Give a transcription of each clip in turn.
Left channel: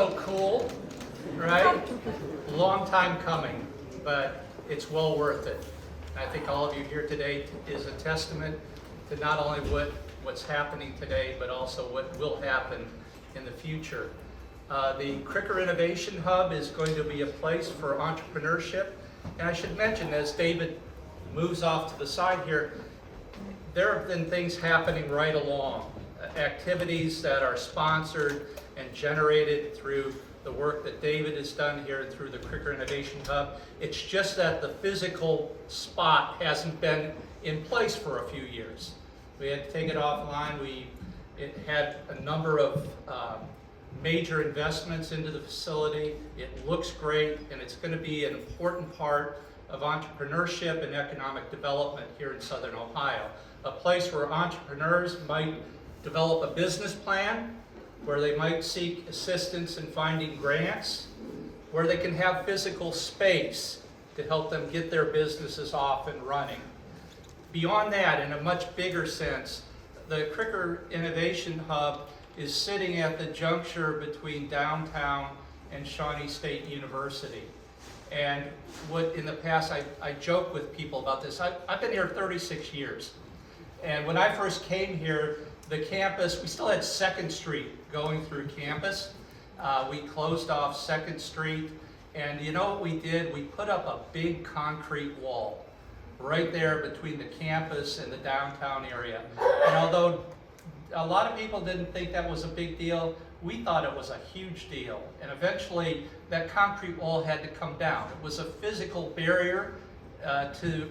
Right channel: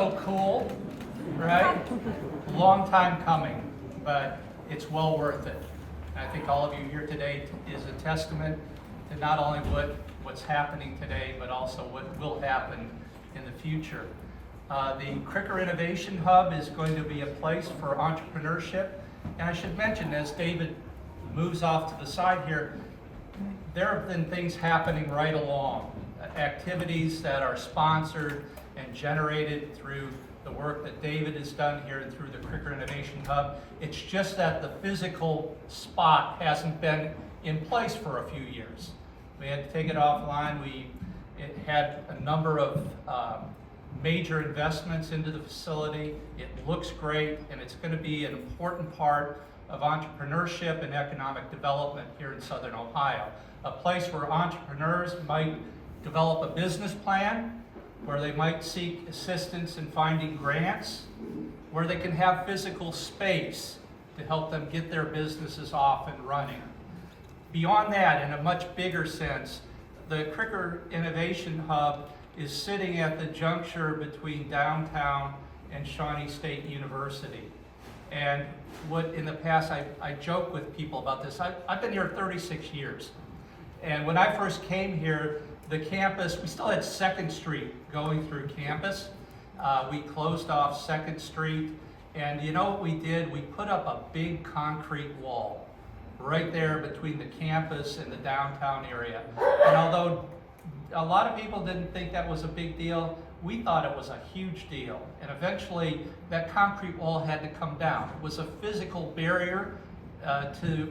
so cool, right? Long time coming, but it's well worth it. And I think all of you here today is a testament to not only what's happening today, but also what will happen in the future. The Kricker Innovation Hub is going to be a place for entrepreneurship. And I should mention, as David moves off to the side here, there have been things happening right along. Activities that are sponsored and generated through the work that David has done here and through the Kricker Innovation Hub. It's just that the physical spot hasn't been in place for a few years. We had to take it offline. It had a number of major investments into the facility. It looks great, and it's going to be an important part of entrepreneurship and economic development here in Southern Ohio. A place where entrepreneurs might develop a business plan, where they might seek assistance in finding grants, where they can have physical space to help them get their businesses off and running. Beyond that, in a much bigger sense, the Kricker Innovation Hub is sitting at the juncture between downtown and Shawnee State University. And what in the past, I joke with people about this. I've been here 36 years. And when I first came here, the campus, we still had 2nd Street going through campus. We closed off 2nd Street, and you know what we did? We put up a big concrete wall right there between the campus and the downtown area. And although a lot of people didn't think that was a big deal, we thought it was a huge deal. And eventually that concrete wall had to come down. It was a physical barrier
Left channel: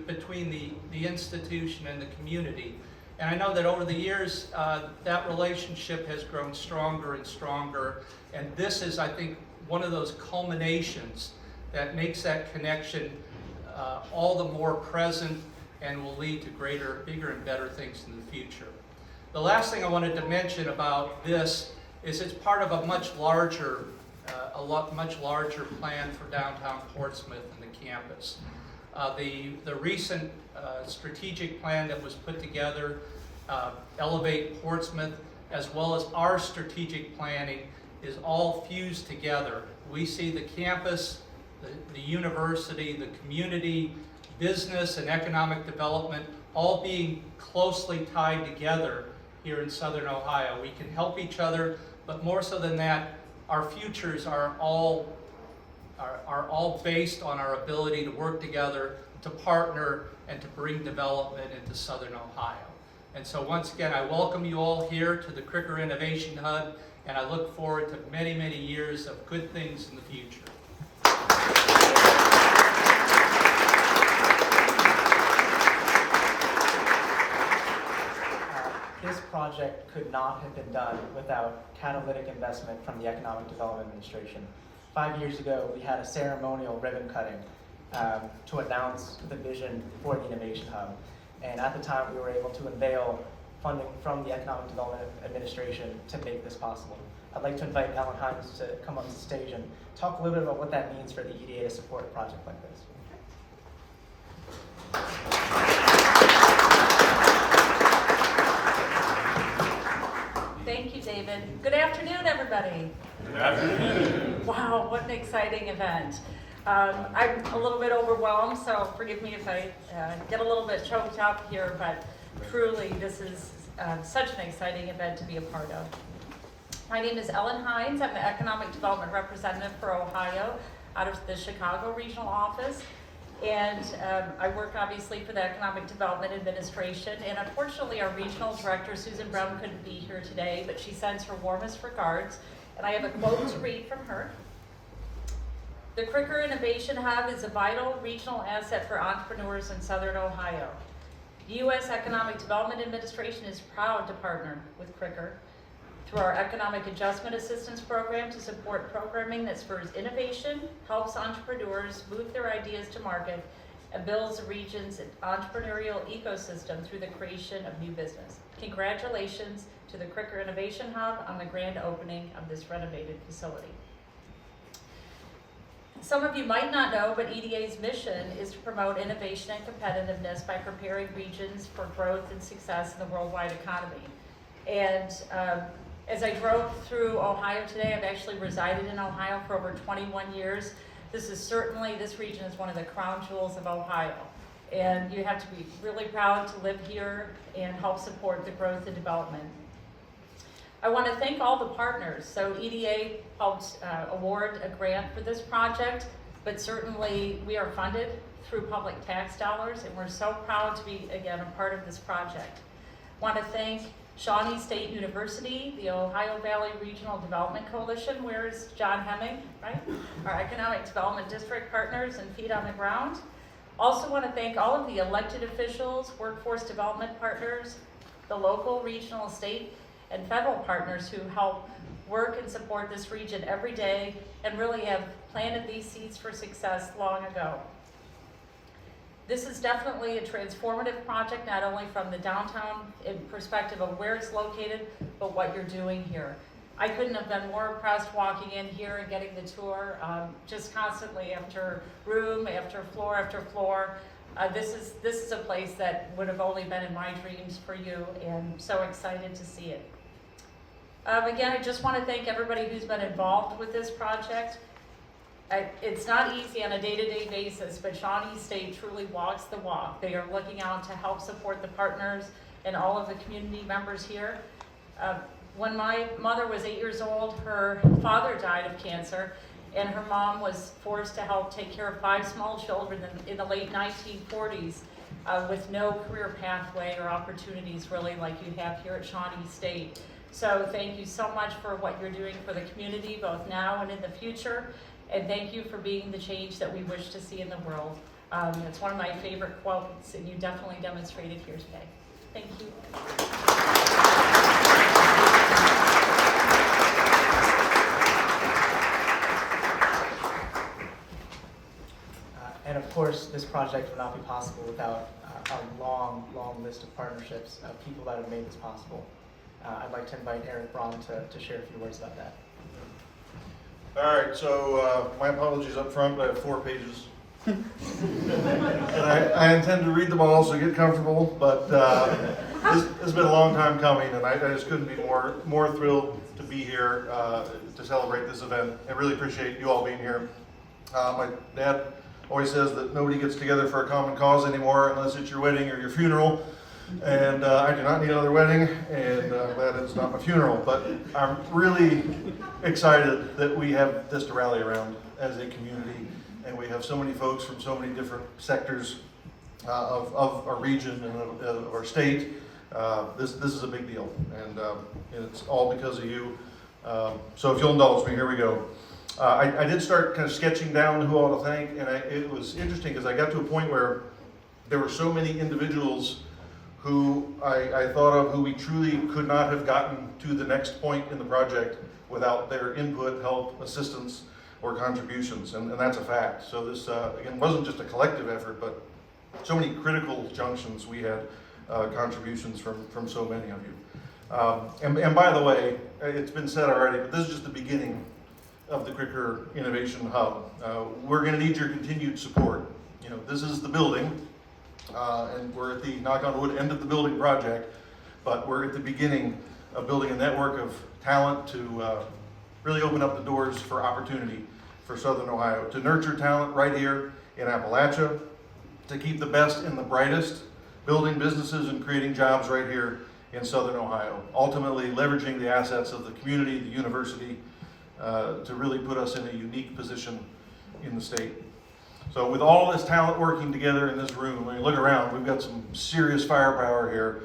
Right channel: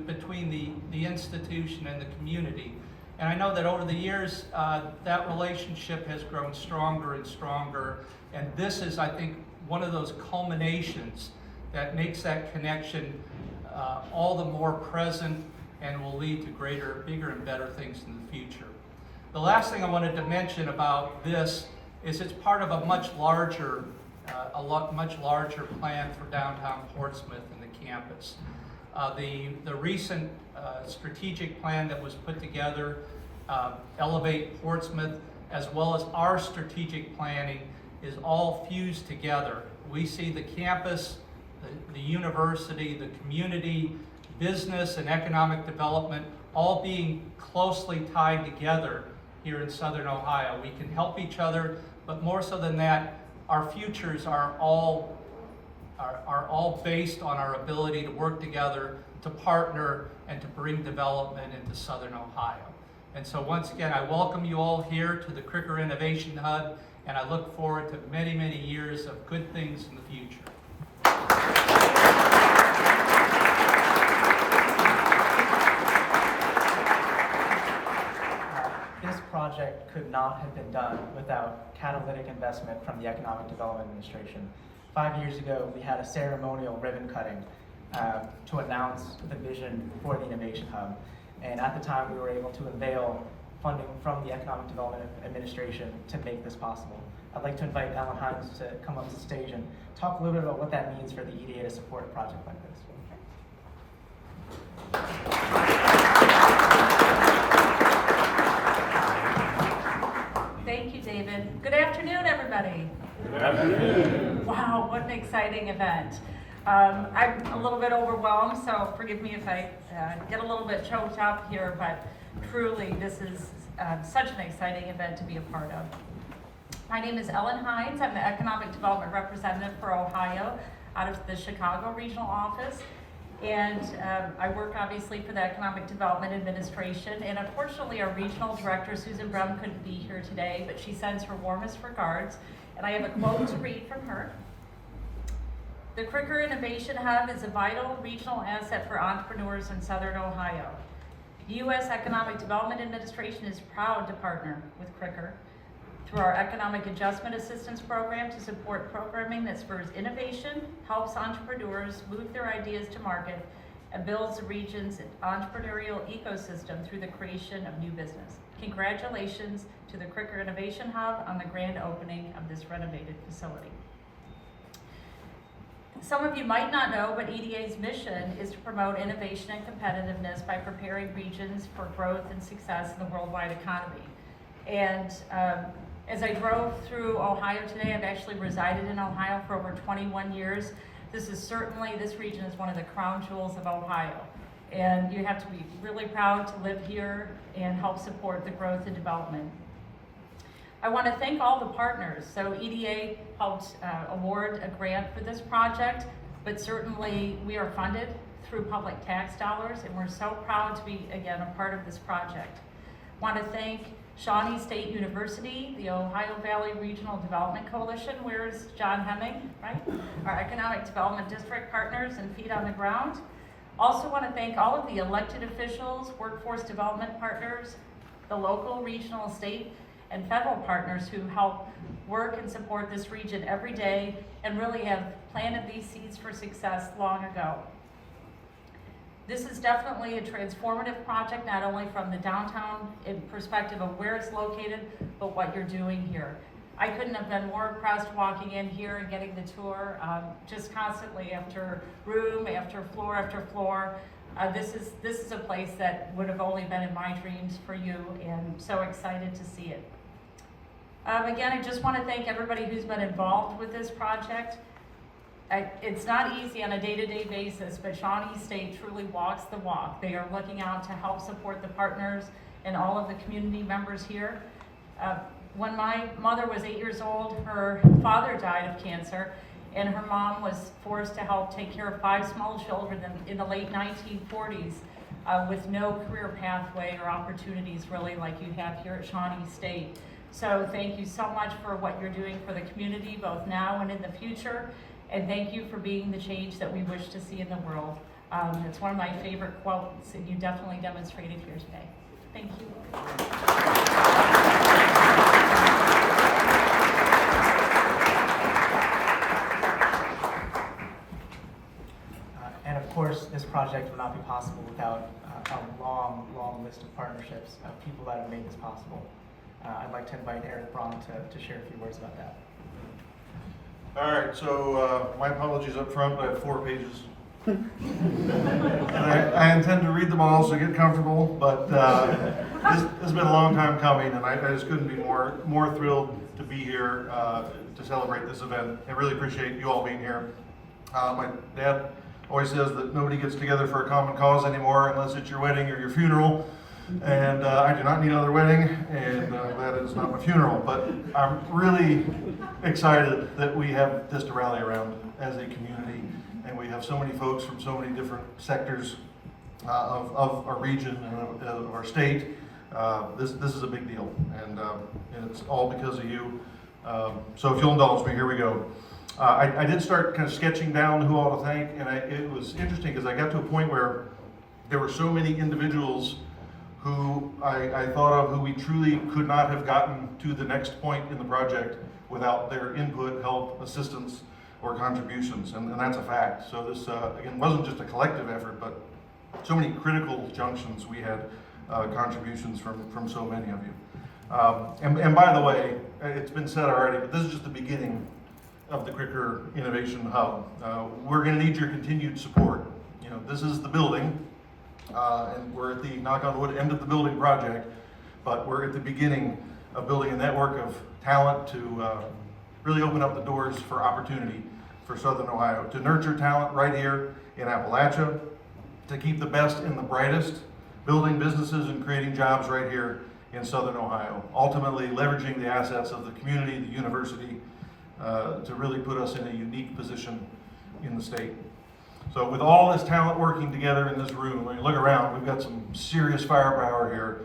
between the institution and the community. And I know that over the years, that relationship has grown stronger and stronger. And this is, I think, one of those culminations that makes that connection all the more present and will lead to greater, bigger, and better things in the future. The last thing I wanted to mention about this is it's part of a much larger plan for downtown Portsmouth and the campus. The recent strategic plan that was put together, Elevate Portsmouth, as well as our strategic planning, is all fused together. We see the campus, the university, the community, business and economic development all being closely tied together here in Southern Ohio. We can help each other, but more so than that, our futures are all based on our ability to work together, to partner, and to bring development into Southern Ohio. And so once again, I welcome you all here to the Kricker Innovation Hub, and I look forward to many, many years of good things in the future. This project could not have been done without catalytic investment from the Economic Development Administration. 5 years ago, we had a ceremonial ribbon cutting to announce the vision for the Innovation Hub. And at the time, we were able to unveil funding from the Economic Development Administration to make this possible. I'd like to invite Ellen Hines to come up to the stage and talk a little bit about what that means for the EDA to support a project like this. Thank you, David. Good afternoon, everybody. Good afternoon. Wow, what an exciting event. I'm a little bit overwhelmed, so forgive me if I get a little bit choked up here, but truly this is such an exciting event to be a part of. My name is Ellen Hines. I'm the Economic Development Representative for Ohio out of the Chicago Regional Office. And I work obviously for the Economic Development Administration, and unfortunately our Regional Director, Susan Brown, couldn't be here today, but she sends her warmest regards. And I have a quote to read from her. The Kricker Innovation Hub is a vital regional asset for entrepreneurs in Southern Ohio. The U.S. Economic Development Administration is proud to partner with Kricker through our Economic Adjustment Assistance Program to support programming that spurs innovation, helps entrepreneurs move their ideas to market, and builds the region's entrepreneurial ecosystem through the creation of new business. Congratulations to the Kricker Innovation Hub on the grand opening of this renovated facility. Some of you might not know, but EDA's mission is to promote innovation and competitiveness by preparing regions for growth and success in the worldwide economy. And As I drove through Ohio today, I've actually resided in Ohio for over 21 years. This region is one of the crown jewels of Ohio. And you have to be really proud to live here and help support the growth and development. I want to thank all the partners. So EDA helped award a grant for this project, but certainly we are funded through public tax dollars, and we're so proud to be, again, a part of this project. I want to thank Shawnee State University, the Ohio Valley Regional Development Coalition, where's John Hemming, right? Our Economic Development District partners and feet on the ground. Also want to thank all of the elected officials, workforce development partners, the local, regional, state, and federal partners who help work and support this region every day and really have planted these seeds for success long ago. This is definitely a transformative project, not only from the downtown perspective of where it's located, but what you're doing here. I couldn't have been more impressed walking in here and getting the tour, just constantly after room, after floor. This is a place that would have only been in my dreams for you, and so excited to see it. Again, I just want to thank everybody who's been involved with this project. It's not easy on a day-to-day basis, but Shawnee State truly walks the walk. They are looking out to help support the partners and all of the community members here. When my mother was 8 years old, her father died of cancer, and her mom was forced to help take care of 5 small children in the late 1940s with no career pathway or opportunities really like you have here at Shawnee State. So thank you so much for what you're doing for the community, both now and in the future. And thank you for being the change that we wish to see in the world. It's one of my favorite quotes, and you definitely demonstrated here today. Thank you. And of course, this project would not be possible without a long, long list of partnerships of people that have made this possible. I'd like to invite Eric Braun to share a few words about that. All right, so my apologies up front, but I have 4 pages. And I intend to read them all, so get comfortable, but this has been a long time coming, and I just couldn't be more thrilled to be here to celebrate this event. I really appreciate you all being here. My dad always says that nobody gets together for a common cause anymore unless it's your wedding or your funeral. And I do not need another wedding, and that is not my funeral. But I'm really excited that we have this to rally around as a community, and we have so many folks from so many different sectors of our region and of our state. This is a big deal, and it's all because of you. So if you'll indulge me, here we go. I did start kind of sketching down who all to thank, and it was interesting because I got to a point where there were so many individuals who I thought of who we truly could not have gotten to the next point in the project without their input, help, assistance, or contributions, and that's a fact. So this, again, wasn't just a collective effort, but so many critical junctions we had contributions from so many of you. And by the way, it's been said already, but this is just the beginning of the Kricker Innovation Hub. We're gonna need your continued support. You know, this is the building, and we're at the, knock on wood, end of the building project, but we're at the beginning of building a network of talent to really open up the doors for opportunity for Southern Ohio, to nurture talent right here in Appalachia, to keep the best and the brightest, building businesses and creating jobs right here in Southern Ohio, ultimately leveraging the assets of the community, the university, to really put us in a unique position in the state. So with all this talent working together in this room, I mean, look around, we've got some serious firepower here.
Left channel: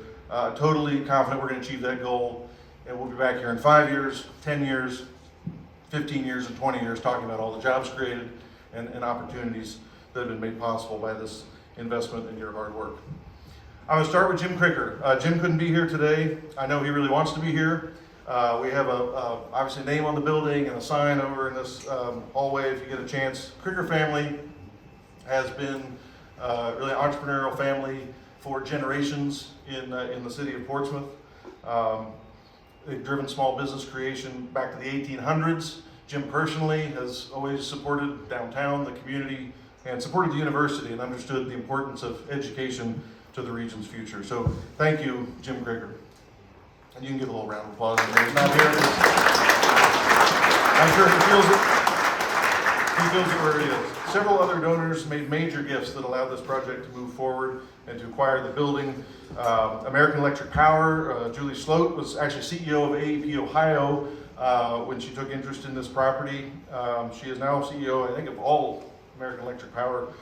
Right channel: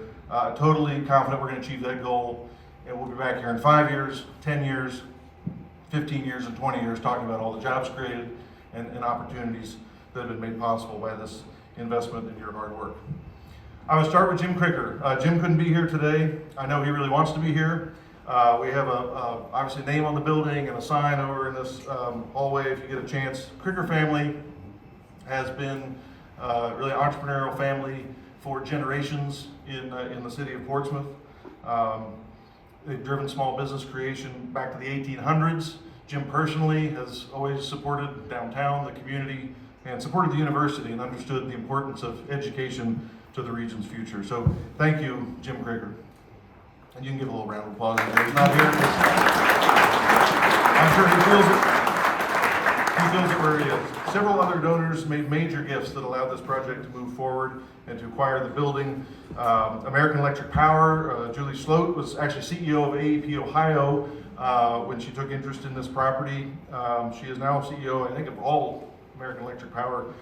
Totally confident we're going to achieve that goal, and we'll be back here in 5 years, 10 years, 15 years, and 20 years talking about all the jobs created and opportunities that have been made possible by this investment in your hard work. I would start with Jim Kricker. Jim couldn't be here today. I know he really wants to be here. We have obviously a name on the building and a sign over in this hallway if you get a chance. Kricker family has been really an entrepreneurial family for generations in the city of Portsmouth. They've driven small business creation back to the 1800s. Jim personally has always supported downtown, the community, and supported the university and understood the importance of education to the region's future. So thank you, Jim Kricker. And you can give a little round of applause. He's not here. I'm sure he feels it. He feels it where he is. Several other donors made major gifts that allowed this project to move forward and to acquire the building. American Electric Power, Julie Sloat was actually CEO of AEP Ohio when she took interest in this property. She is now CEO, I think, of all American Electric Power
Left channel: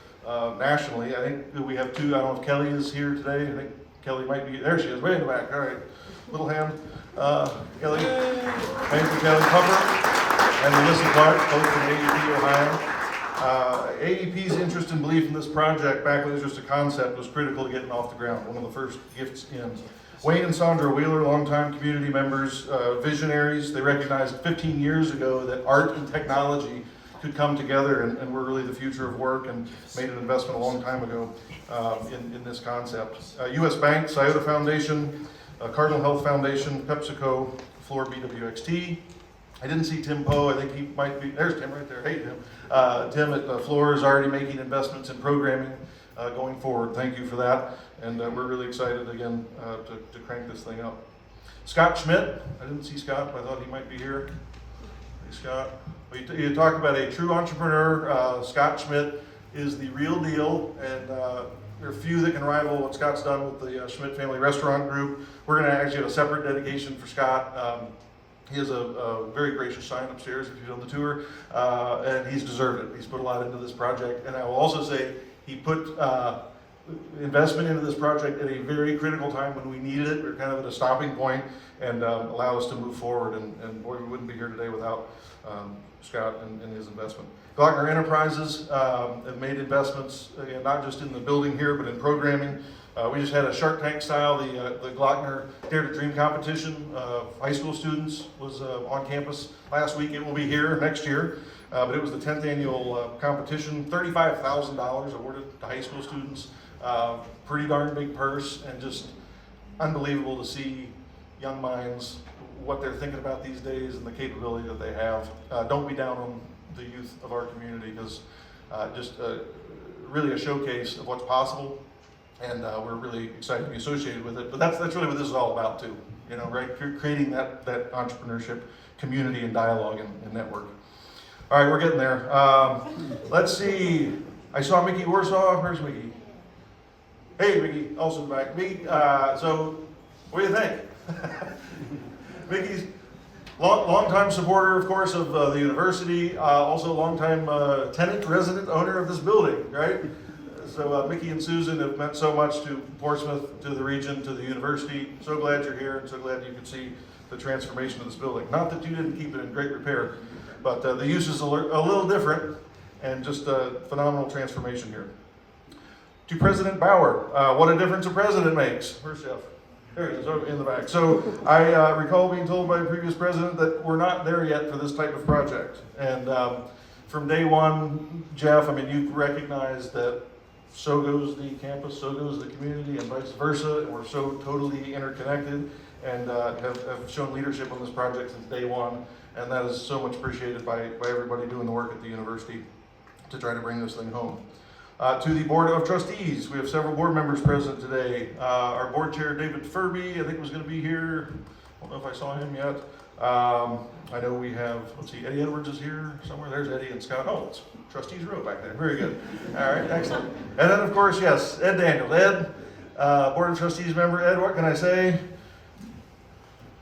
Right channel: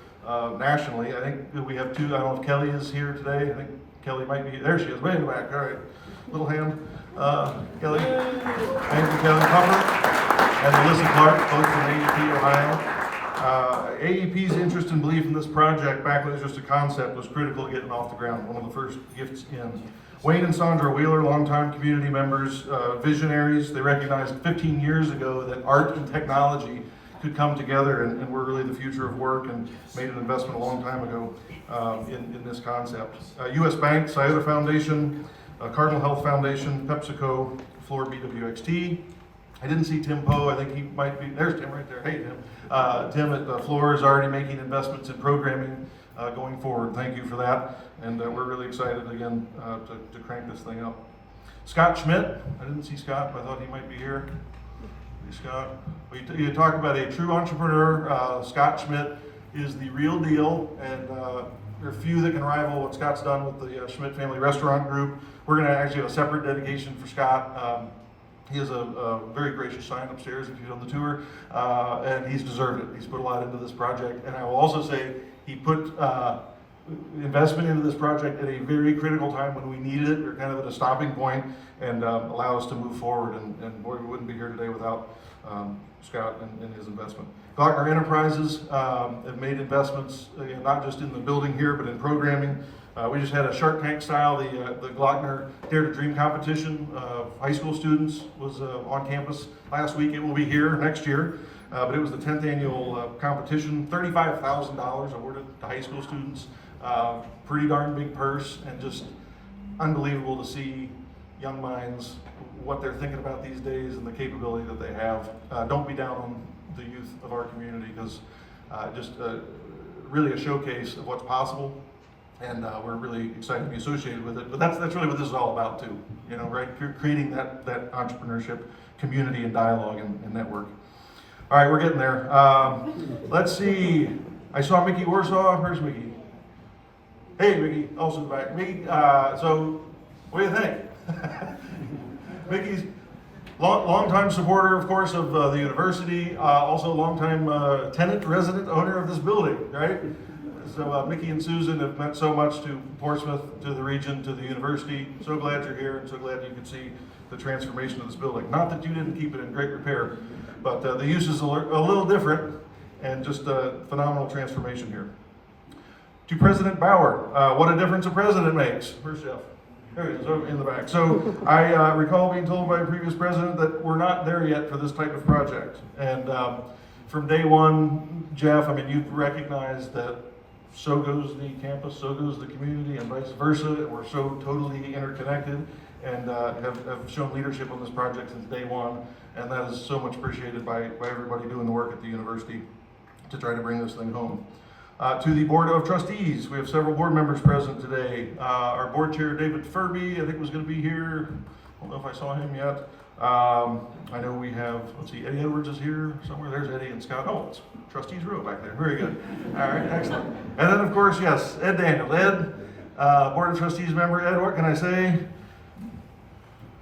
nationally. I think we have two. I don't know if Kelly is here today. I think Kelly might be. There she is, way in the back. All right, little hand. Kelly. Thank you, Kelly Pupper and Alyssa Clark, both from AEP Ohio. AEP's interest and belief in this project, back when it was just a concept, was critical to getting off the ground. One of the first gifts in. Wayne and Sandra Wheeler, longtime community members, visionaries. They recognized 15 years ago that art and technology could come together and were really the future of work, and made an investment a long time ago in this concept. U.S. Bank, Scioto Foundation, Cardinal Health Foundation, PepsiCo, Floor BWXT. I didn't see Tim Poe. I think he might be. There's Tim right there. Hey, Tim. Tim at Floor is already making investments in programming going forward. Thank you for that. And we're really excited again to crank this thing up. Scott Schmidt. I didn't see Scott, but I thought he might be here. Hey, Scott. You talk about a true entrepreneur. Scott Schmidt is the real deal, and there are few that can rival what Scott's done with the Schmidt Family Restaurant Group. We're going to actually have a separate dedication for Scott. He has a very gracious sign upstairs if you've done the tour, and he's deserved it. He's put a lot into this project, and I will also say he put investment into this project at a very critical time when we needed it. We were kind of at a stopping point, and allowed us to move forward, and boy, we wouldn't be here today without Scott and his investment. Glockner Enterprises have made investments, again, not just in the building here, but in programming. We just had a Shark Tank style, the Glockner Dare to Dream competition. High school students was on campus last week. It will be here next year, but it was the 10th annual competition. $35,000 awarded to high school students. Pretty darn big purse, and just unbelievable to see young minds, what they're thinking about these days and the capability that they have. Don't be down on the youth of our community, because just really a showcase of what's possible. And we're really excited to be associated with it. But that's really what this is all about too, you know, right? Creating that entrepreneurship community and dialogue and network. All right, we're getting there. Let's see. I saw Mickey Warsaw. Where's Mickey? Hey, Mickey, also back. Mickey, so what do you think? Mickey's longtime supporter, of course, of the university, also longtime tenant, resident, owner of this building, right? So Mickey and Susan have meant so much to Portsmouth, to the region, to the university. So glad you're here, and so glad you could see the transformation of this building. Not that you didn't keep it in great repair, but the use is a little different, and just a phenomenal transformation here. To President Bauer, what a difference a president makes. Where's Jeff? There he is, in the back. So I recall being told by a previous president that we're not there yet for this type of project. And from day one, Jeff, I mean, you've recognized that so goes the campus, so goes the community, and vice versa. We're so totally interconnected, and have shown leadership on this project since day one. And that is so much appreciated by everybody doing the work at the university to try to bring this thing home. To the Board of Trustees, we have several board members present today. Our board chair, David Furby, I think was going to be here. I don't know if I saw him yet. I know we have, let's see, Eddie Edwards is here somewhere. There's Eddie and Scott. Oh, it's Trustees Row back there. Very good. All right, excellent. And then, of course, yes, Ed Daniels. Ed, Board of Trustees member. Ed, what can I say?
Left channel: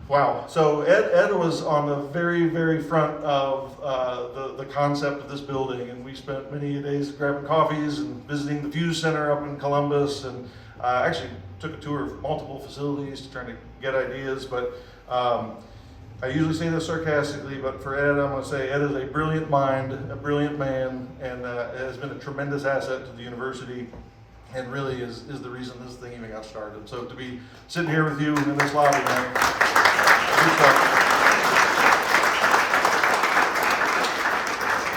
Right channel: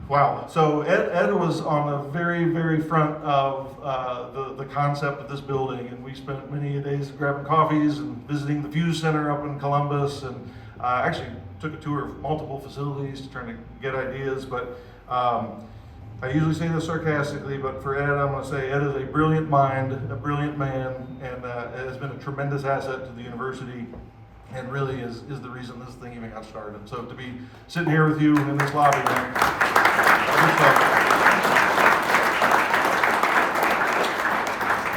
Wow. So Ed was on the very, very front of the concept of this building, and we spent many days grabbing coffees and visiting the Fuse Center up in Columbus, and actually took a tour of multiple facilities to try to get ideas. But I usually say this sarcastically, but for Ed, I'm going to say Ed is a brilliant mind, a brilliant man, and has been a tremendous asset to the university, and really is the reason this thing even got started. So to be sitting here with you in this lobby, man, good stuff.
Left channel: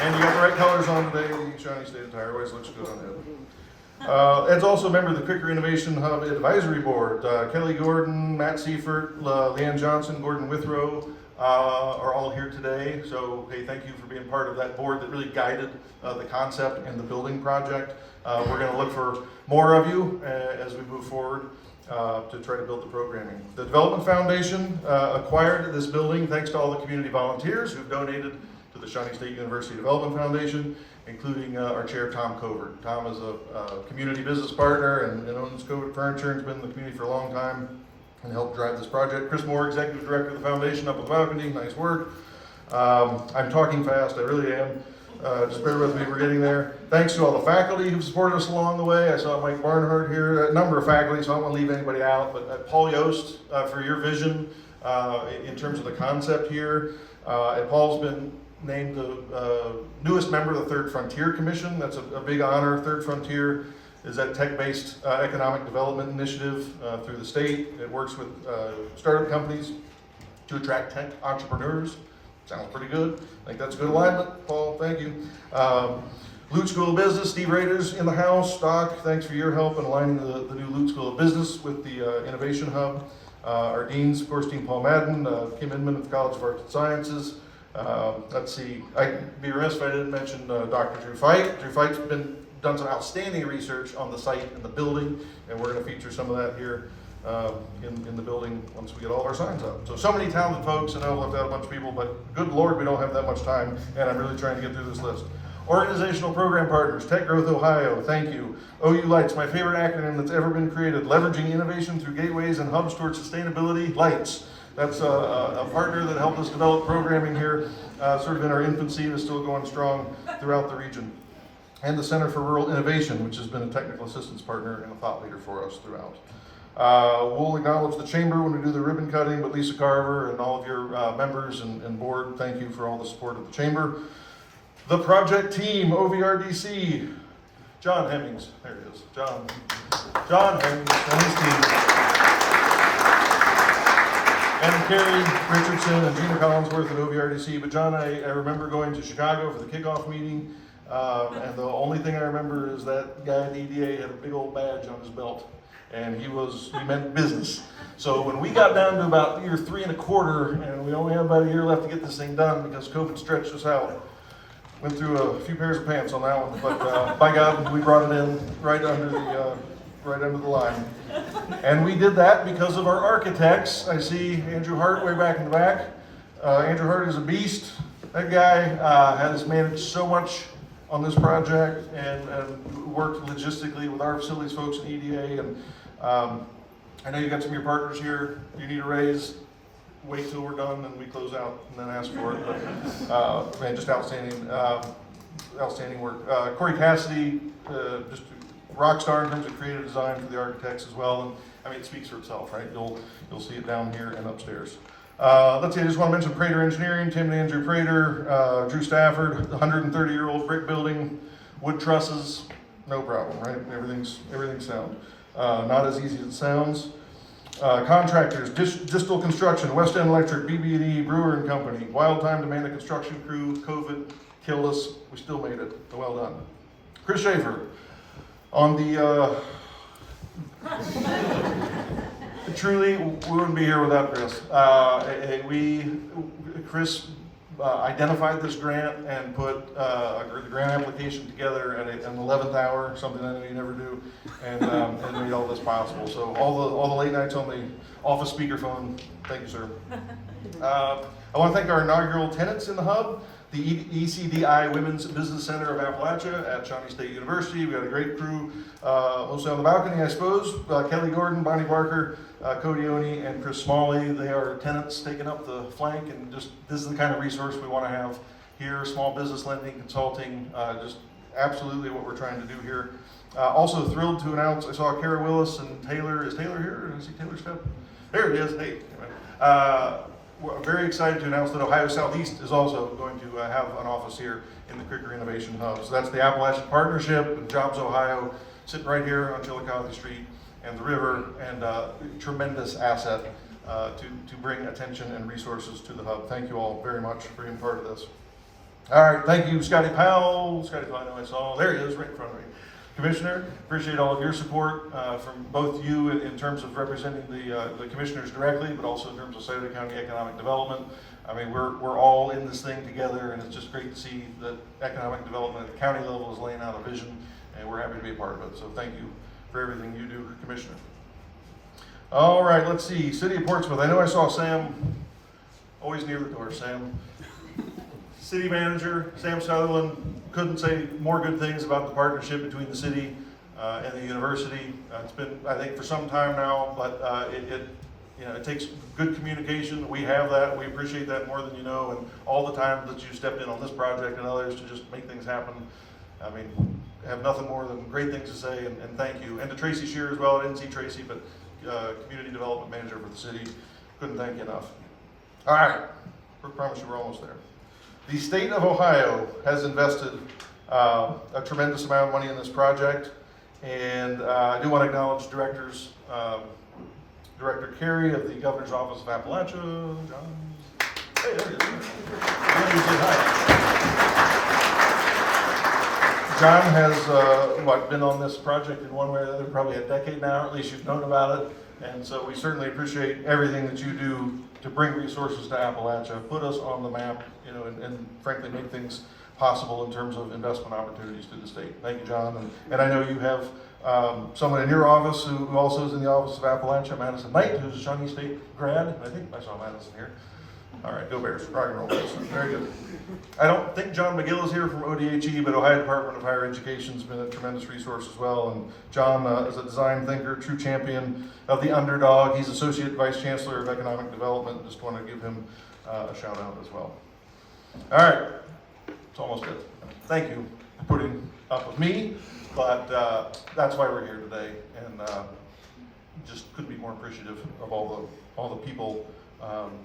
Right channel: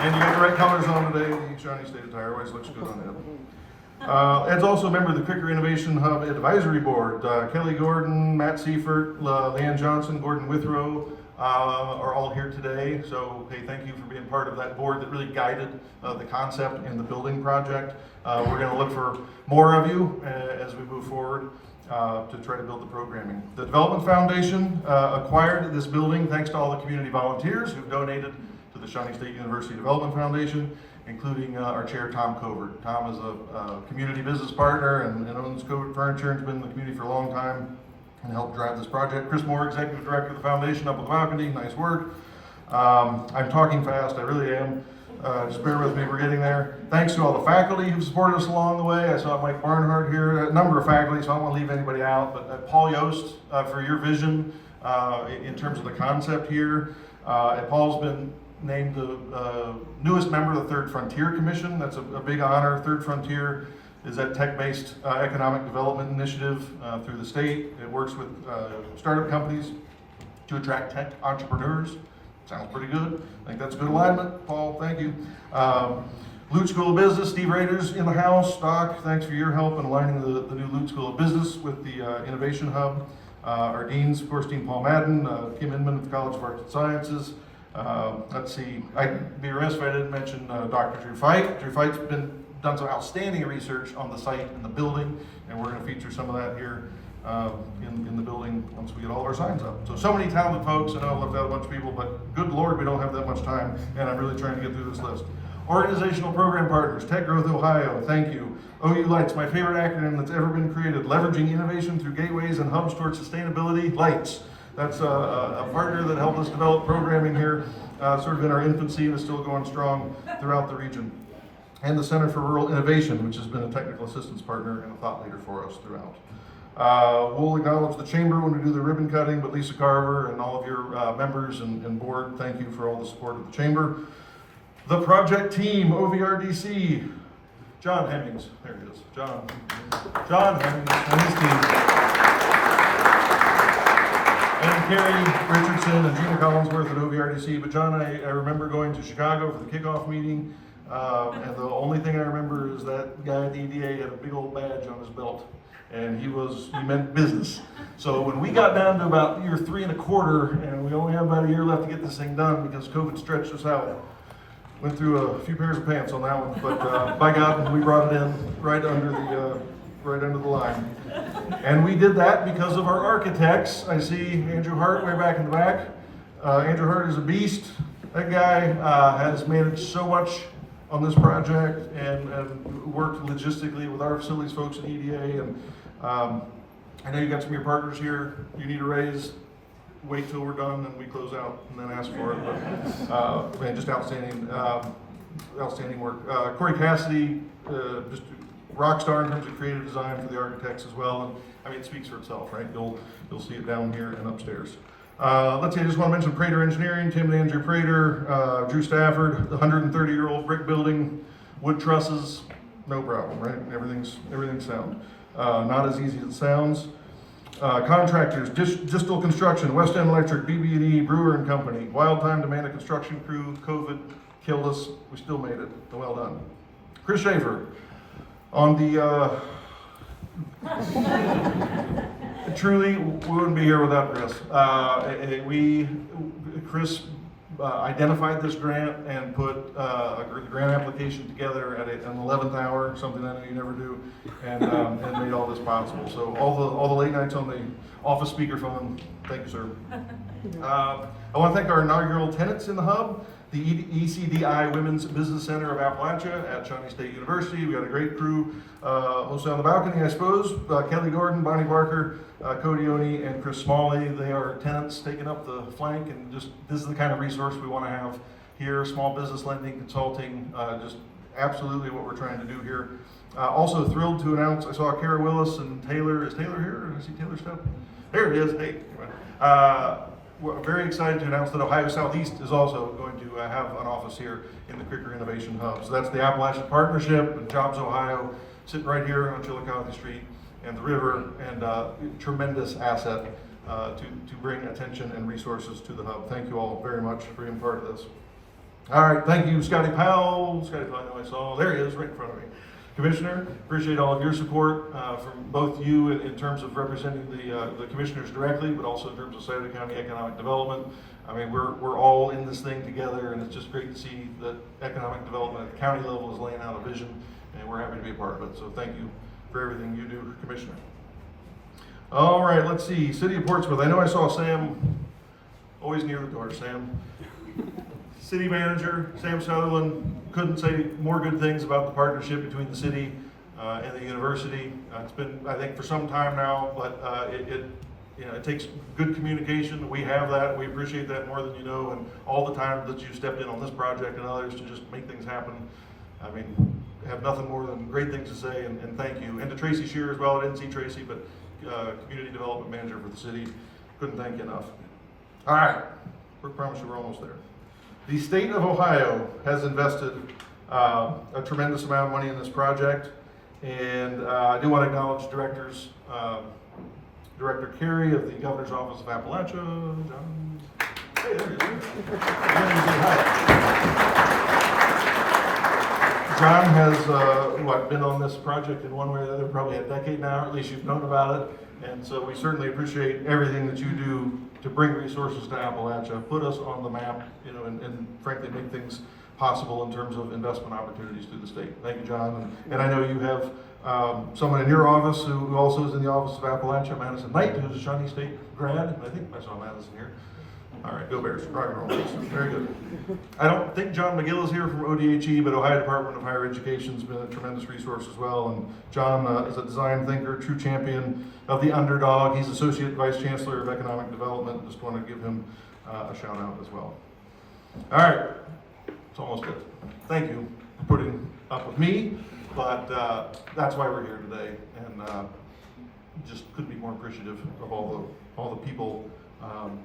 And you got the right colors on today, the Shawnee State attire, always looks good on Ed. Ed's also a member of the Kricker Innovation Hub Advisory Board. Kelly Gordon, Matt Seifert, Leanne Johnson, Gordon Withrow are all here today. So, hey, thank you for being part of that board that really guided the concept and the building project. We're going to look for more of you as we move forward. to try to build the programming. The Development Foundation acquired this building thanks to all the community volunteers who've donated to the Shawnee State University Development Foundation, including our chair, Tom Covert. Tom is a community business partner and owns Covert Furniture and has been in the community for a long time and helped drive this project. Chris Moore, executive director of the foundation, up on the balcony, nice work. I'm talking fast, I really am. Just bear with me, we're getting there. Thanks to all the faculty who've supported us along the way. I saw Mike Barnhart here, a number of faculty, so I don't want to leave anybody out, but Paul Yost for your vision in terms of the concept here. Paul's been named the newest member of the Third Frontier Commission. That's a big honor. Third Frontier is that tech-based economic development initiative through the state. It works with startup companies to attract tech entrepreneurs. Sounds pretty good. I think that's a good alignment, Paul, thank you. Lute School of Business, Steve Rader's in the house. Doc, thanks for your help in aligning the new Lute School of Business with the Innovation Hub. Our deans, of course, Dean Paul Madden, Kim Inman at the College of Arts and Sciences. Let's see, I'd be remiss if I didn't mention Dr. Drew Fite. Drew Fite's done some outstanding research on the site and the building, and we're going to feature some of that here in the building once we get all of our signs up. So many talented folks. I know I left out a bunch of people, but good Lord, we don't have that much time, and I'm really trying to get through this list. Organizational program partners, Tech Growth Ohio, thank you. OU Lights, my favorite acronym that's ever been created, leveraging innovation through gateways and hubs towards sustainability, Lights. That's a partner that helped us develop programming here, sort of in our infancy and is still going strong throughout the region. And the Center for Rural Innovation, which has been a technical assistance partner and a thought leader for us throughout. We'll acknowledge the chamber when we do the ribbon cutting, but Lisa Carver and all of your members and board, thank you for all the support of the chamber. The project team, OVRDC, John Hemmings, there he is, John Hemmings and his team. And Carrie Richardson and Gina Collinsworth at OVRDC. But John, I remember going to Chicago for the kickoff meeting, and the only thing I remember is that guy at the EDA had a big old badge on his belt, and he meant business. So when we got down to about year 3 1/4, and we only have about a year left to get this thing done because COVID stretched us out, went through a few pairs of pants on that one, but by God, we brought it in right under the line. And we did that because of our architects. I see Andrew Hart way back in the back. Andrew Hart is a beast. That guy has managed so much on this project and worked logistically with our facilities folks in EDA. And I know you got some of your partners here. You need a raise. Wait till we're done and we close out and then ask for it. But man, just outstanding work. Corey Cassidy, just rock star in terms of creative design for the architects as well. And I mean, it speaks for itself, right? You'll see it down here and upstairs. Let's see, I just want to mention Prater Engineering, Tim and Andrew Prater, Drew Stafford, the 130-year-old brick building, wood trusses, no problem, right? Everything's sound. Not as easy as it sounds. Contractors, Distal Construction, West End Electric, BB&E, Brewer and Company. Wild time to man a construction crew. COVID killed us. We still made it. So well done. Chris Schaefer, on the truly, we wouldn't be here without Chris. Chris identified this grant and put the grant application together at an 11th hour, something I know you never do, and made all this possible. So all the late nights on the office speakerphone, thank you, sir. I want to thank our inaugural tenants in the hub, the ECDI Women's Business Center of Appalachia at Shawnee State University. We got a great crew, mostly on the balcony, I suppose. Kelly Gordon, Bonnie Barker, Cody Oni, and Chris Smalley. They are tenants taking up the flank, and just this is the kind of resource we want to have here. Small business lending, consulting, just absolutely what we're trying to do here. Also thrilled to announce, I saw Kara Willis and Taylor. Is Taylor here? Did I see Taylor step? There he is. Hey. We're very excited to announce that Ohio Southeast is also going to have an office here in the Kricker Innovation Hub. So that's the Appalachian Partnership and Jobs Ohio, sitting right here on Chillicothe Street and the river, and tremendous asset to bring attention and resources to the hub. Thank you all very much for being part of this. All right, thank you, Scotty Powell. Scotty Powell, I know I saw. There he is, right in front of me. Commissioner, appreciate all of your support from both you in terms of representing the commissioners directly, but also in terms of Sauter County economic development. I mean, we're all in this thing together, and it's just great to see that economic development at the county level is laying out a vision, and we're happy to be a part of it. So thank you for everything you do, Commissioner. All right, let's see, City of Portsmouth, I know I saw Sam, always near the door, Sam. City Manager, Sam Sutherland, couldn't say more good things about the partnership between the city and the university. It's been, I think, for some time now, but it takes good communication. We have that, we appreciate that more than you know, and all the time that you stepped in on this project and others to just make things happen. I mean, I have nothing more than great things to say, and thank you. And to Tracy Shear as well, I didn't see Tracy, but Community Development Manager for the city, couldn't thank you enough. All right, we promise you we're almost there. The state of Ohio has invested a tremendous amount of money in this project, and I do want to acknowledge directors, Director Carey of the Governor's Office of Appalachia, John. Hey, there he is. John has been on this project in one way or the other, probably a decade now, at least you've known about it. And so we certainly appreciate everything that you do to bring resources to Appalachia, put us on the map, and frankly make things possible in terms of investment opportunities through the state. Thank you, John. And I know you have someone in your office who also is in the office of Appalachia, Madison Knight, who's a Shawnee State grad. I think I saw Madison here. All right, go Bears, rock and roll. Very good. I don't think John McGill is here from ODHE, but Ohio Department of Higher Education has been a tremendous resource as well. And John is a design thinker, true champion of the underdog. He's Associate Vice Chancellor of Economic Development. Just want to give him a shout out as well. All right, it's almost it. Thank you for putting up with me, but that's why we're here today, and just couldn't be more appreciative of all the people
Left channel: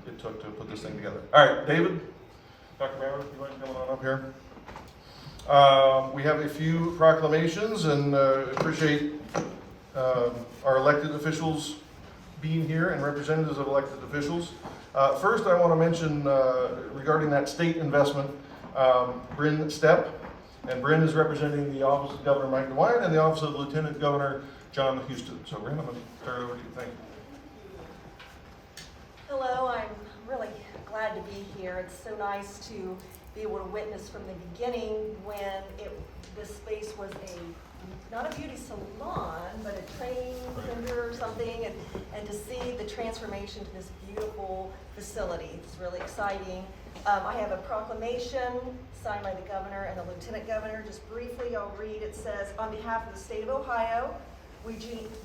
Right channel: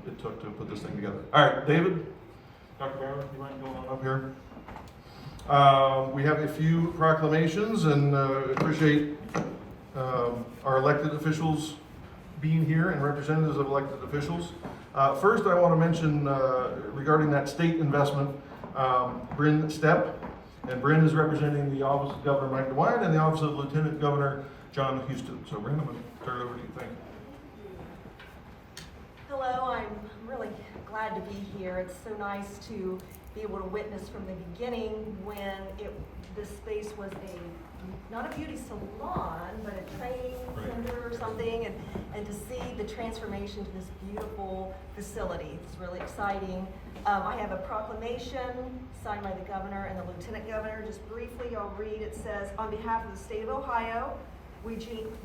it took to put this thing together. All right, David, Dr. Bauer, you mind coming on up here? We have a few proclamations, and appreciate our elected officials being here and representatives of elected officials. First, I want to mention regarding that state investment, Bryn Stepp, and Bryn is representing the Office of Governor Mike DeWine and the Office of Lieutenant Governor John Houston. So Bryn, I'm going to turn it over to you. Thank you. Hello, I'm really glad to be here. It's so nice to be able to witness from the beginning when this space was not a beauty salon, but a training center or something, and to see the transformation to this beautiful facility. It's really exciting. I have a proclamation signed by the governor and the lieutenant governor. Just briefly, I'll read. It says, on behalf of the state of Ohio, we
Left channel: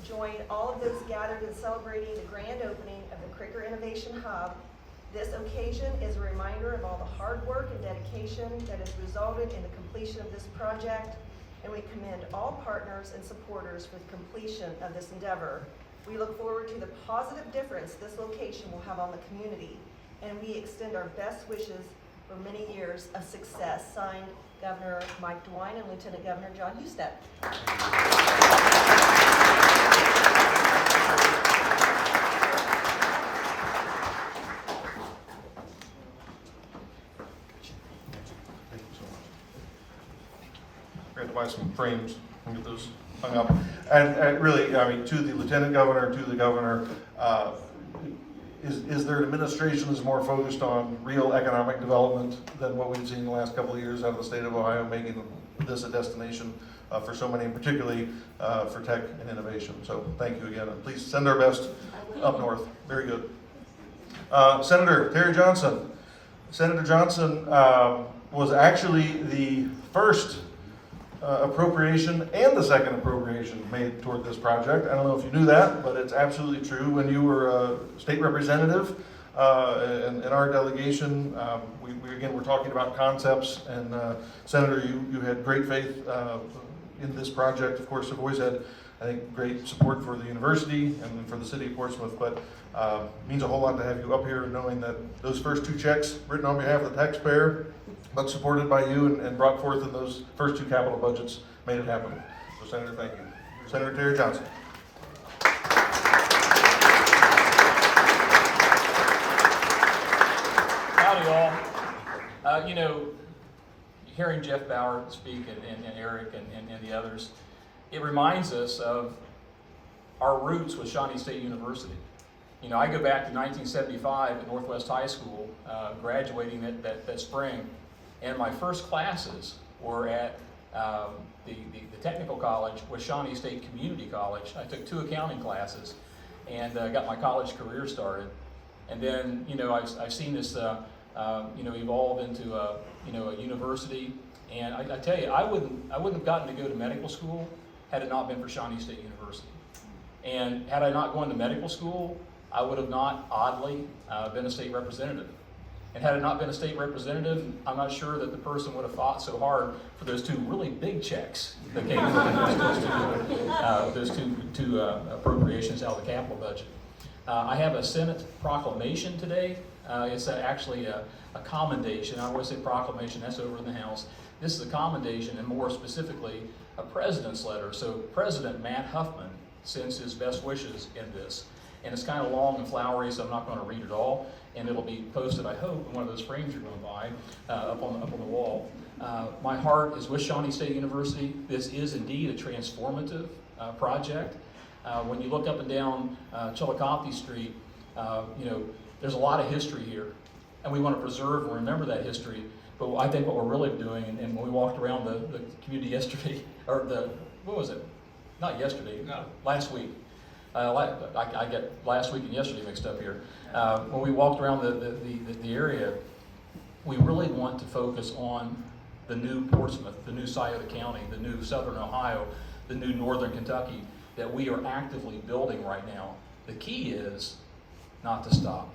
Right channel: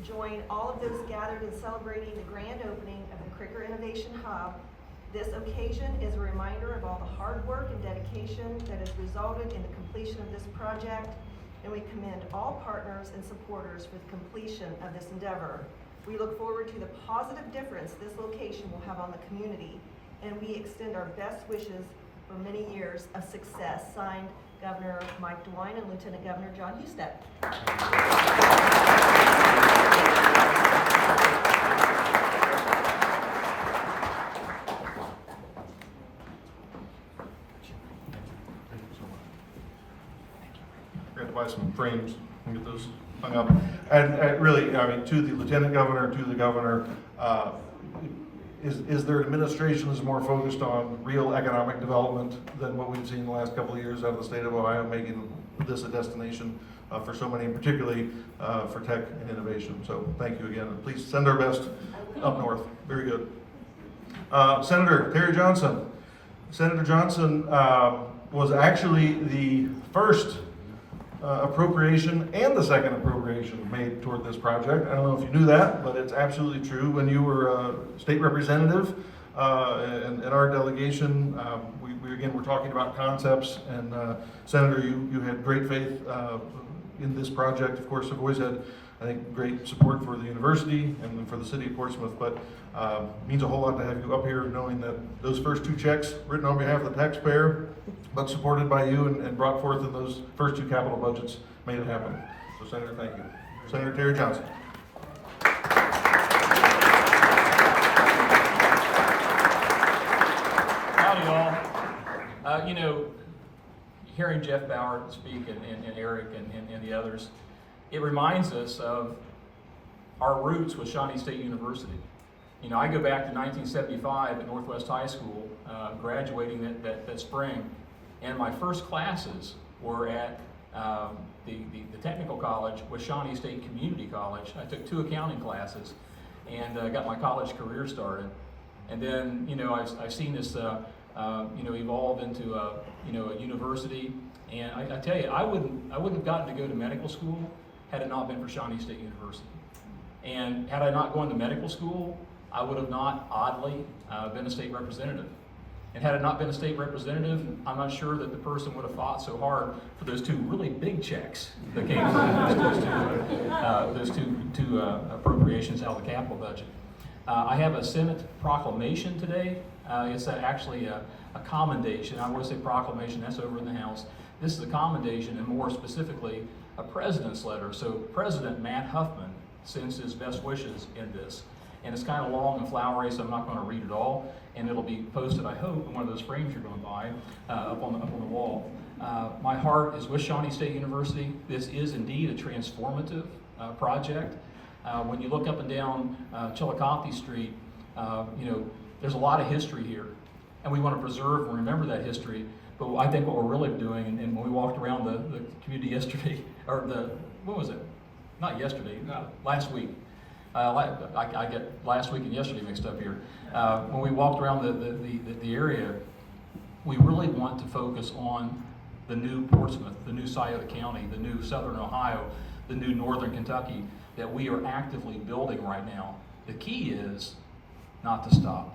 join all of those gathered in celebrating the grand opening of the Kricker Innovation Hub. This occasion is a reminder of all the hard work and dedication that has resulted in the completion of this project, and we commend all partners and supporters for the completion of this endeavor. We look forward to the positive difference this location will have on the community, and we extend our best wishes for many years of success. Signed, Governor Mike DeWine and Lieutenant Governor John Houston. We're going to buy some frames and get those hung up. And really, I mean, to the Lieutenant Governor, to the Governor, is their administration is more focused on real economic development than what we've seen in the last couple of years out of the state of Ohio, making this a destination for so many, and particularly for tech and innovation. So thank you again, and please send our best up north. Very good. Senator Terry Johnson. Senator Johnson was actually the first appropriation and the second appropriation made toward this project. I don't know if you knew that, but it's absolutely true. When you were a state representative in our delegation, we again were talking about concepts, and Senator, you had great faith in this project. Of course, I've always had, I think, great support for the university and for the city of Portsmouth, but means a whole lot to have you up here knowing that those first two checks written on behalf of the taxpayer, but supported by you and brought forth in those first two capital budgets, made it happen. So Senator, thank you. Senator Terry Johnson. Howdy, y'all. Hearing Jeff Bauer speak and Eric and the others, it reminds us of our roots with Shawnee State University. I go back to 1975 at Northwest High School, graduating that spring, and my first classes were at the technical college with Shawnee State Community College. I took 2 accounting classes, and got my college career started. And then, you know, I've seen this, you know, evolve into a, you know, a university. And I tell you, I wouldn't have gotten to go to medical school had it not been for Shawnee State University. And had I not gone to medical school, I would have not, oddly, been a state representative. And had it not been a state representative, I'm not sure that the person would have fought so hard for those two really big checks that came from those two appropriations out of the capital budget. I have a Senate proclamation today. It's actually a commendation. I always say proclamation, that's over in the House. This is a commendation, and more specifically, a president's letter. So President Matt Huffman sends his best wishes in this. And it's kind of long and flowery, so I'm not going to read it all. And it'll be posted, I hope, in one of those frames you're going to buy up on the wall. My heart is with Shawnee State University. This is indeed a transformative project. When you look up and down Chillicothe Street, you know, there's a lot of history here. And we want to preserve and remember that history. But I think what we're really doing, and when we walked around the community yesterday, or what was it? Not yesterday, no. Last week. I get last week and yesterday mixed up here. When we walked around the area, we really want to focus on the new Portsmouth, the new Scioto County, the new Southern Ohio, the new Northern Kentucky that we are actively building right now. The key is not to stop.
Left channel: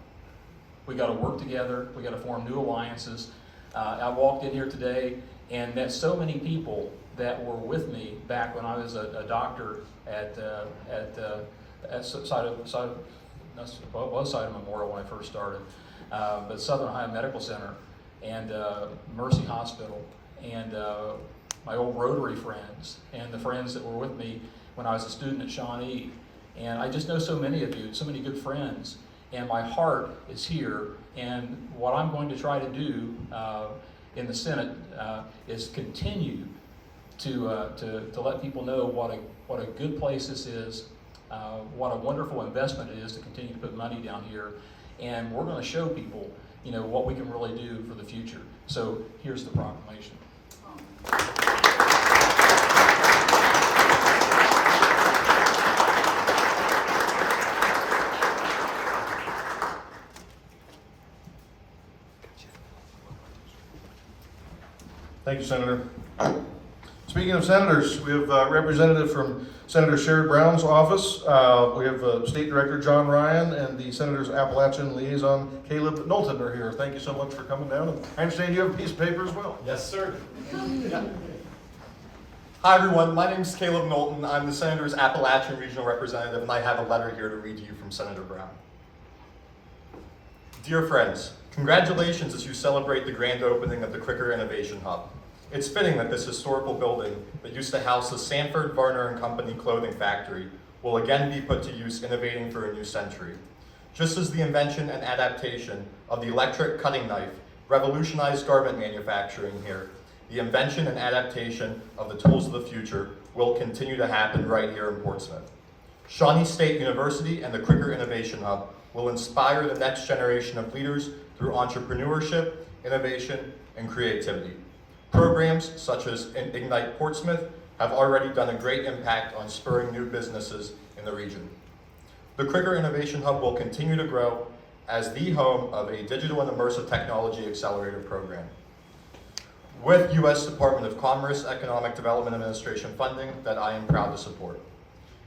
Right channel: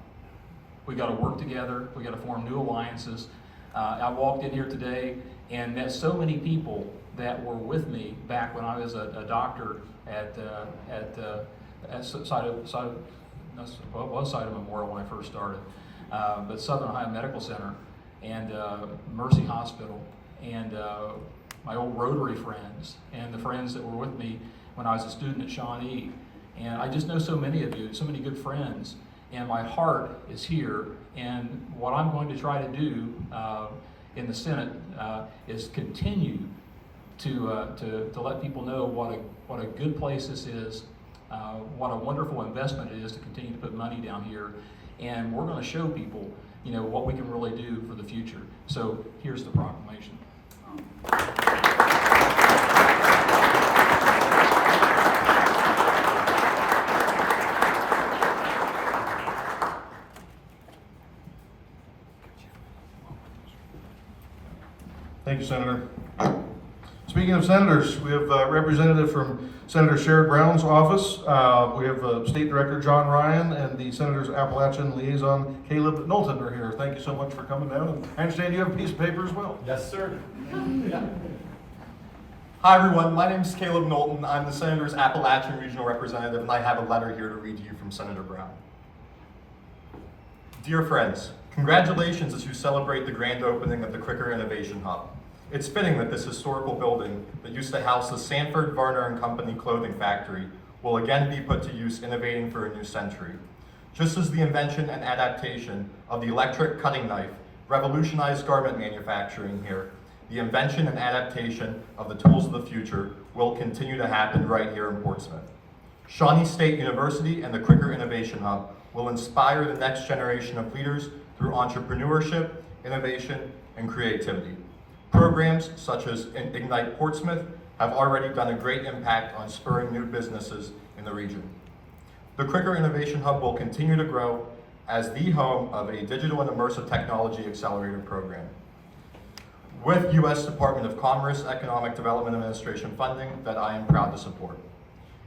We got to work together. We got to form new alliances. I walked in here today and met so many people that were with me back when I was a doctor at Scioto Memorial when I first started, but Southern Ohio Medical Center and Mercy Hospital and my old Rotary friends and the friends that were with me when I was a student at Shawnee. And I just know so many of you, so many good friends, and my heart is here. And what I'm going to try to do in the Senate is continue to let people know what a good place this is, what a wonderful investment it is to continue to put money down here, and we're going to show people, you know, what we can really do for the future. So here's the proclamation. Thank you, Senator. Speaking of senators, we have a representative from Senator Sherrod Brown's office. We have State Director John Ryan and the Senator's Appalachian Liaison Caleb Knowlton are here. Thank you so much for coming down. And I understand you have a piece of paper as well. Yes, sir. Yeah. Hi, everyone. My name is Caleb Knowlton. I'm the Senator's Appalachian Regional Representative, and I have a letter here to read to you from Senator Brown. Dear friends, congratulations as you celebrate the grand opening of the Kricker Innovation Hub. It's fitting that this historical building that used to house the Sanford, Varner and Company clothing factory will again be put to use innovating for a new century. Just as the invention and adaptation of the electric cutting knife revolutionized garment manufacturing here, the invention and adaptation of the tools of the future will continue to happen right here in Portsmouth. Shawnee State University and the Kricker Innovation Hub will inspire the next generation of leaders through entrepreneurship, innovation, and creativity. Programs such as Ignite Portsmouth have already done a great impact on spurring new businesses in the region. The Kricker Innovation Hub will continue to grow as the home of a digital and immersive technology accelerator program. With U.S. Department of Commerce Economic Development Administration funding that I am proud to support.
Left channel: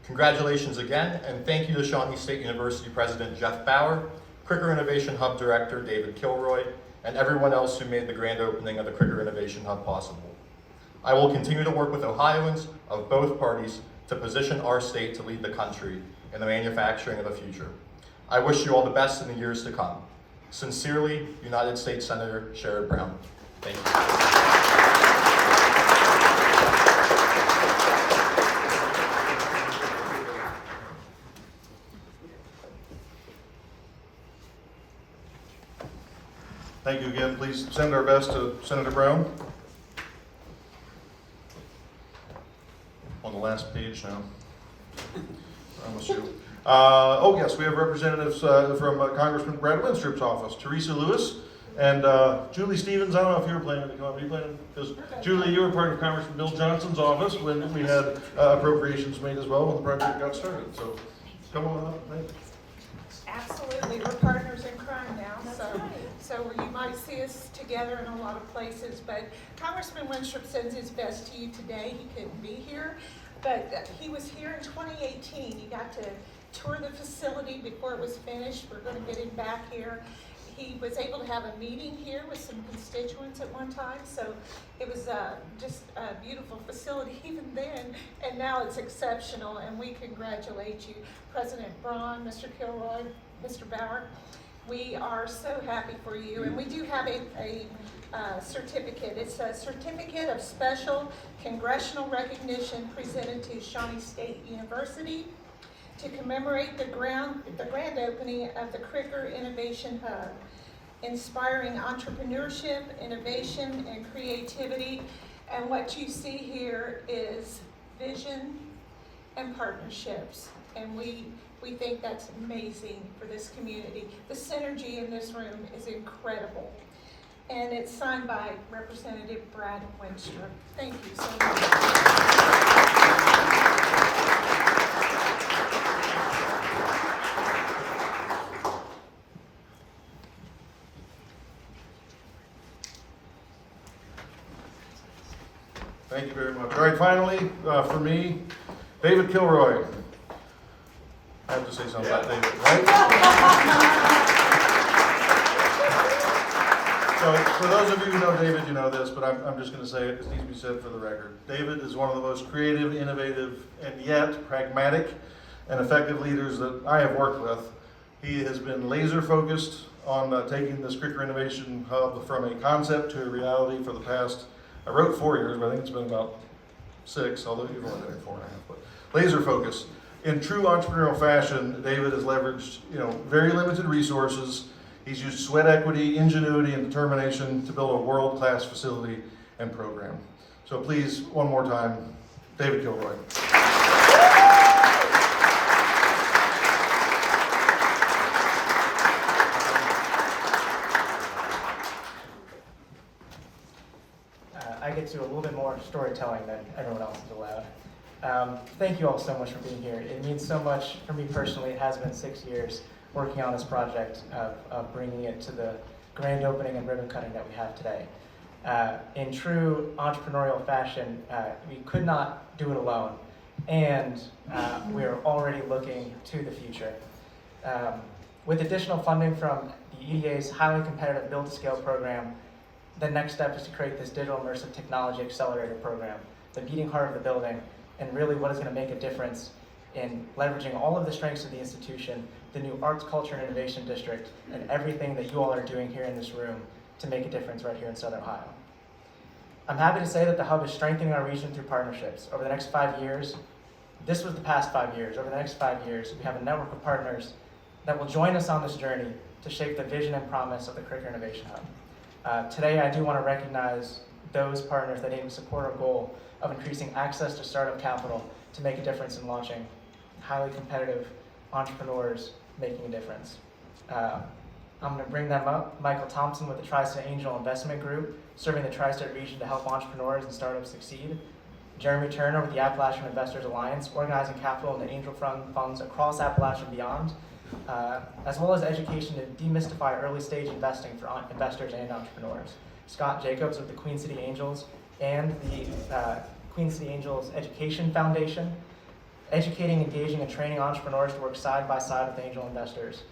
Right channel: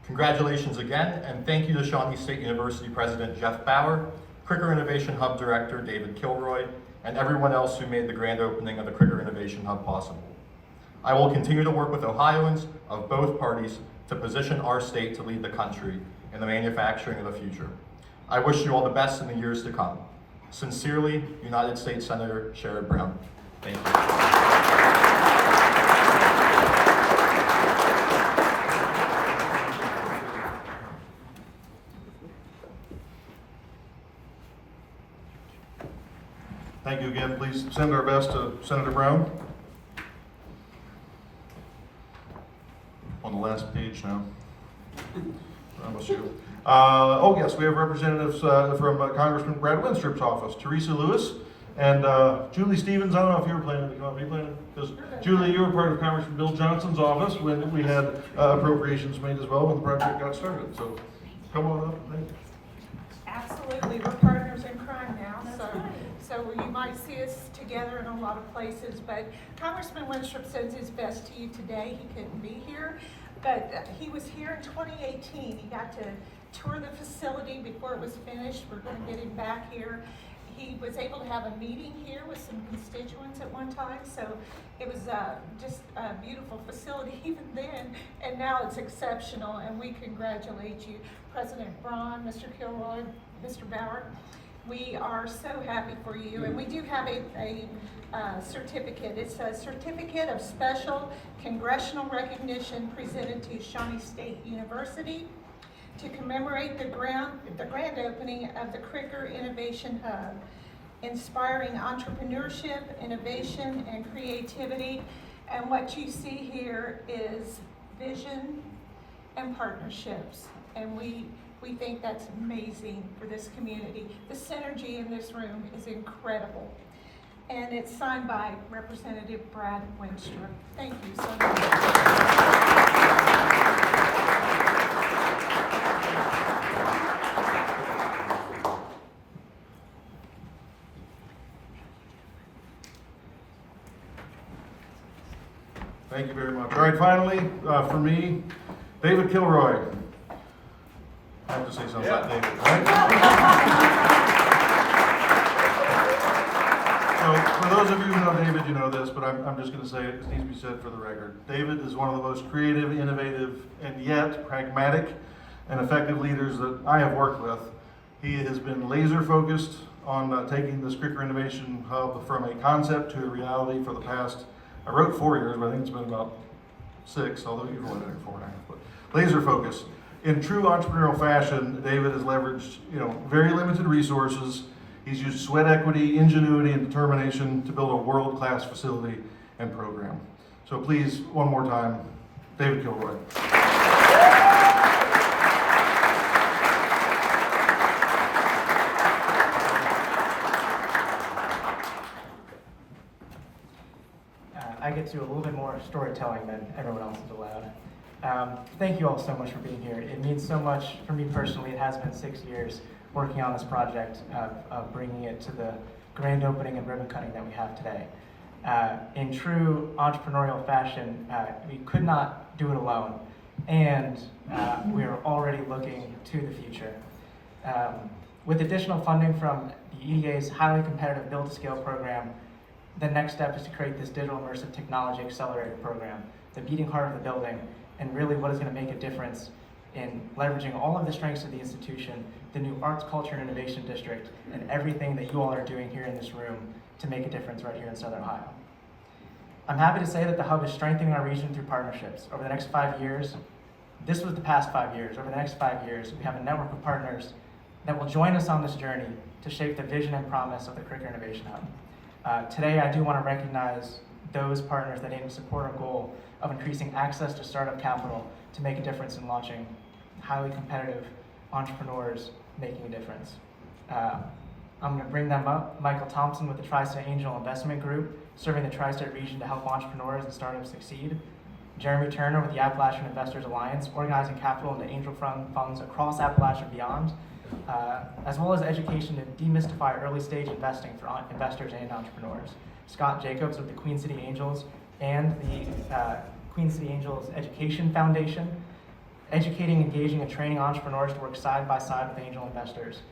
Congratulations again, and thank you to Shawnee State University President Jeff Bauer, Kricker Innovation Hub Director David Kilroy, and everyone else who made the grand opening of the Kricker Innovation Hub possible. I will continue to work with Ohioans of both parties to position our state to lead the country in the manufacturing of the future. I wish you all the best in the years to come. Sincerely, United States Senator Sherrod Brown. Thank you. Thank you again. Please send our best to Senator Brown. On the last page now. Promise you. Oh yes, we have representatives from Congressman Brad Winstrup's office, Teresa Lewis and Julie Stevens. I don't know if you were planning to come up. Are you planning? Because Julie, you were part of Congressman Bill Johnson's office when we had appropriations made as well when the project got started. So come on up and thank you. Absolutely, we're partners in crime now, so you might see us together in a lot of places, but Congressman Winstrup sends his best to you today. He couldn't be here, but he was here in 2018. He got to tour the facility before it was finished. We're going to get him back here. He was able to have a meeting here with some constituents at one time, so it was just a beautiful facility even then, and now it's exceptional, and we congratulate you, President Braun, Mr. Kilroy, Mr. Bauer. We are so happy for you, and we do have a certificate. It's a certificate of special congressional recognition presented to Shawnee State University to commemorate the grand opening of the Kricker Innovation Hub, inspiring entrepreneurship, innovation, and creativity. And what you see here is vision and partnerships. And we think that's amazing for this community. The synergy in this room is incredible. And it's signed by Representative Brad Winstrup. Thank you so much. Thank you very much. All right, finally, for me, David Kilroy. I have to say something about David, right? So, for those of you who know David, you know this, but I'm just going to say it. This needs to be said for the record. David is one of the most creative, innovative, and yet pragmatic and effective leaders that I have worked with. He has been laser focused on taking this Kricker Innovation Hub from a concept to a reality for the past, I wrote 4 years, but I think it's been about 6, although you've only been here 4.5, but laser focus. In true entrepreneurial fashion, David has leveraged, very limited resources. He's used sweat equity, ingenuity, and determination to build a world-class facility and program. So please, one more time, David Kilroy. I get to do a little bit more storytelling than everyone else is allowed. Thank you all so much for being here. It means so much for me personally. It has been 6 years working on this project of bringing it to the grand opening and ribbon cutting that we have today. In true entrepreneurial fashion, we could not do it alone, and we are already looking to the future. With additional funding from the EDA's highly competitive Build to Scale program, the next step is to create this digital immersive technology accelerator program, the beating heart of the building, and really what is going to make a difference in leveraging all of the strengths of the institution, the new Arts, Culture, and Innovation District, and everything that you all are doing here in this room to make a difference right here in Southern Ohio. I'm happy to say that the Hub is strengthening our region through partnerships. Over the next 5 years, this was the past 5 years, over the next 5 years, we have a network of partners that will join us on this journey to shape the vision and promise of the Kricker Innovation Hub. Today, I do want to recognize those partners that aim to support our goal of increasing access to startup capital to make a difference in launching highly competitive entrepreneurs making a difference. I'm going to bring them up. Michael Thompson with the Tri-State Angel Investment Group, serving the Tri-State region to help entrepreneurs and startups succeed. Jeremy Turner with the Appalachian Investors Alliance, organizing capital into angel funds across Appalachia and beyond, as well as education to demystify early stage investing for investors and entrepreneurs. Scott Jacobs with the Queen City Angels and the Queen City Angels Education Foundation, educating, engaging, and training entrepreneurs to work side by side with angel investors.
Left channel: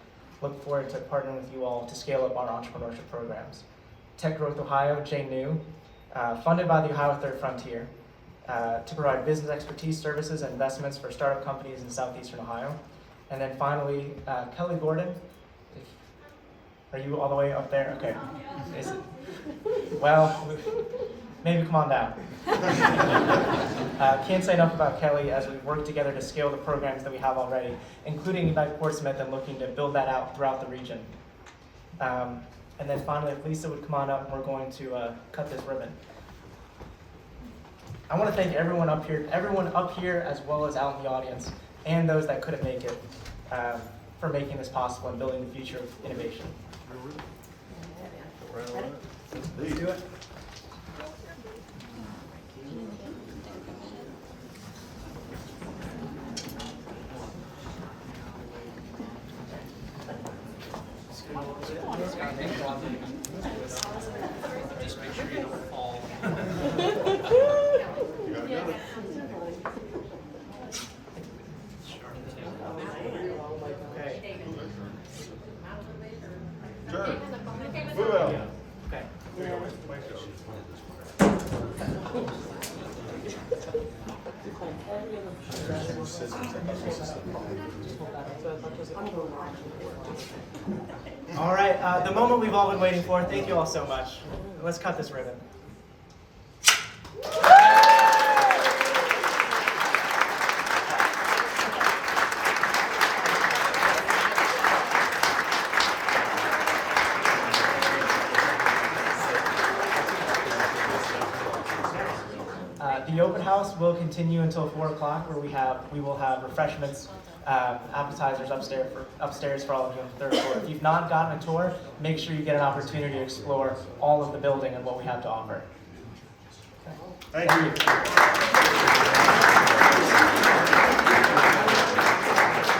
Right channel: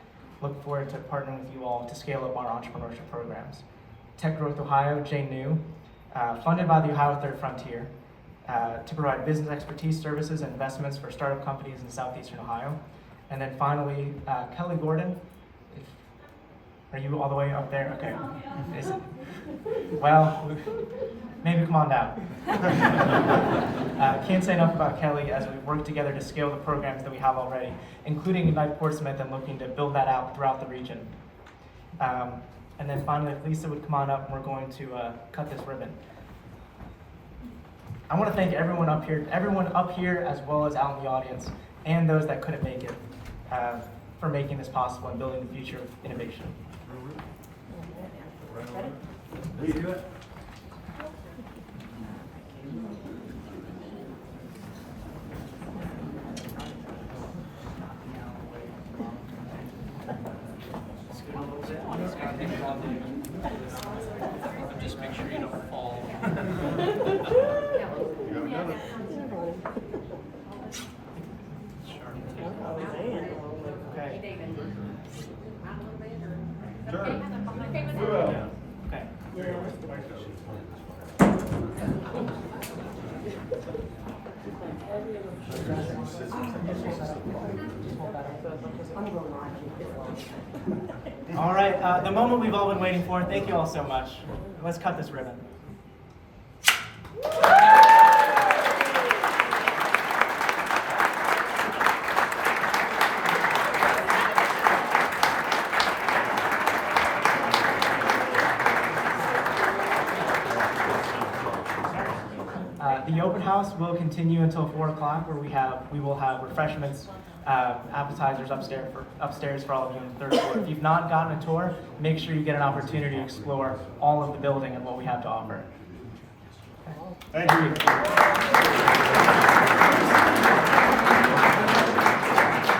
Look forward to partnering with you all to scale up our entrepreneurship programs. Tech Growth Ohio, Jay New, funded by the Ohio Third Frontier, to provide business expertise, services, and investments for startup companies in southeastern Ohio. And then finally, Kelly Gordon. Are you all the way up there? Okay. Well, maybe come on down. Can't say enough about Kelly as we work together to scale the programs that we have already, including Ignite Portsmouth and looking to build that out throughout the region. And then finally, if Lisa would come on up, we're going to cut this ribbon. I want to thank everyone up here as well as out in the audience, and those that couldn't make it, for making this possible and building the future of innovation. Ready to do it? You gotta get it. Okay. Turn. Move out. Okay. All right, the moment we've all been waiting for. Thank you all so much. Let's cut this ribbon. The open house will continue until 4 o'clock, where we will have refreshments, appetizers upstairs for all of you on the 3rd floor. If you've not gotten a tour, make sure you get an opportunity to explore all of the building and what we have to offer. Thank you.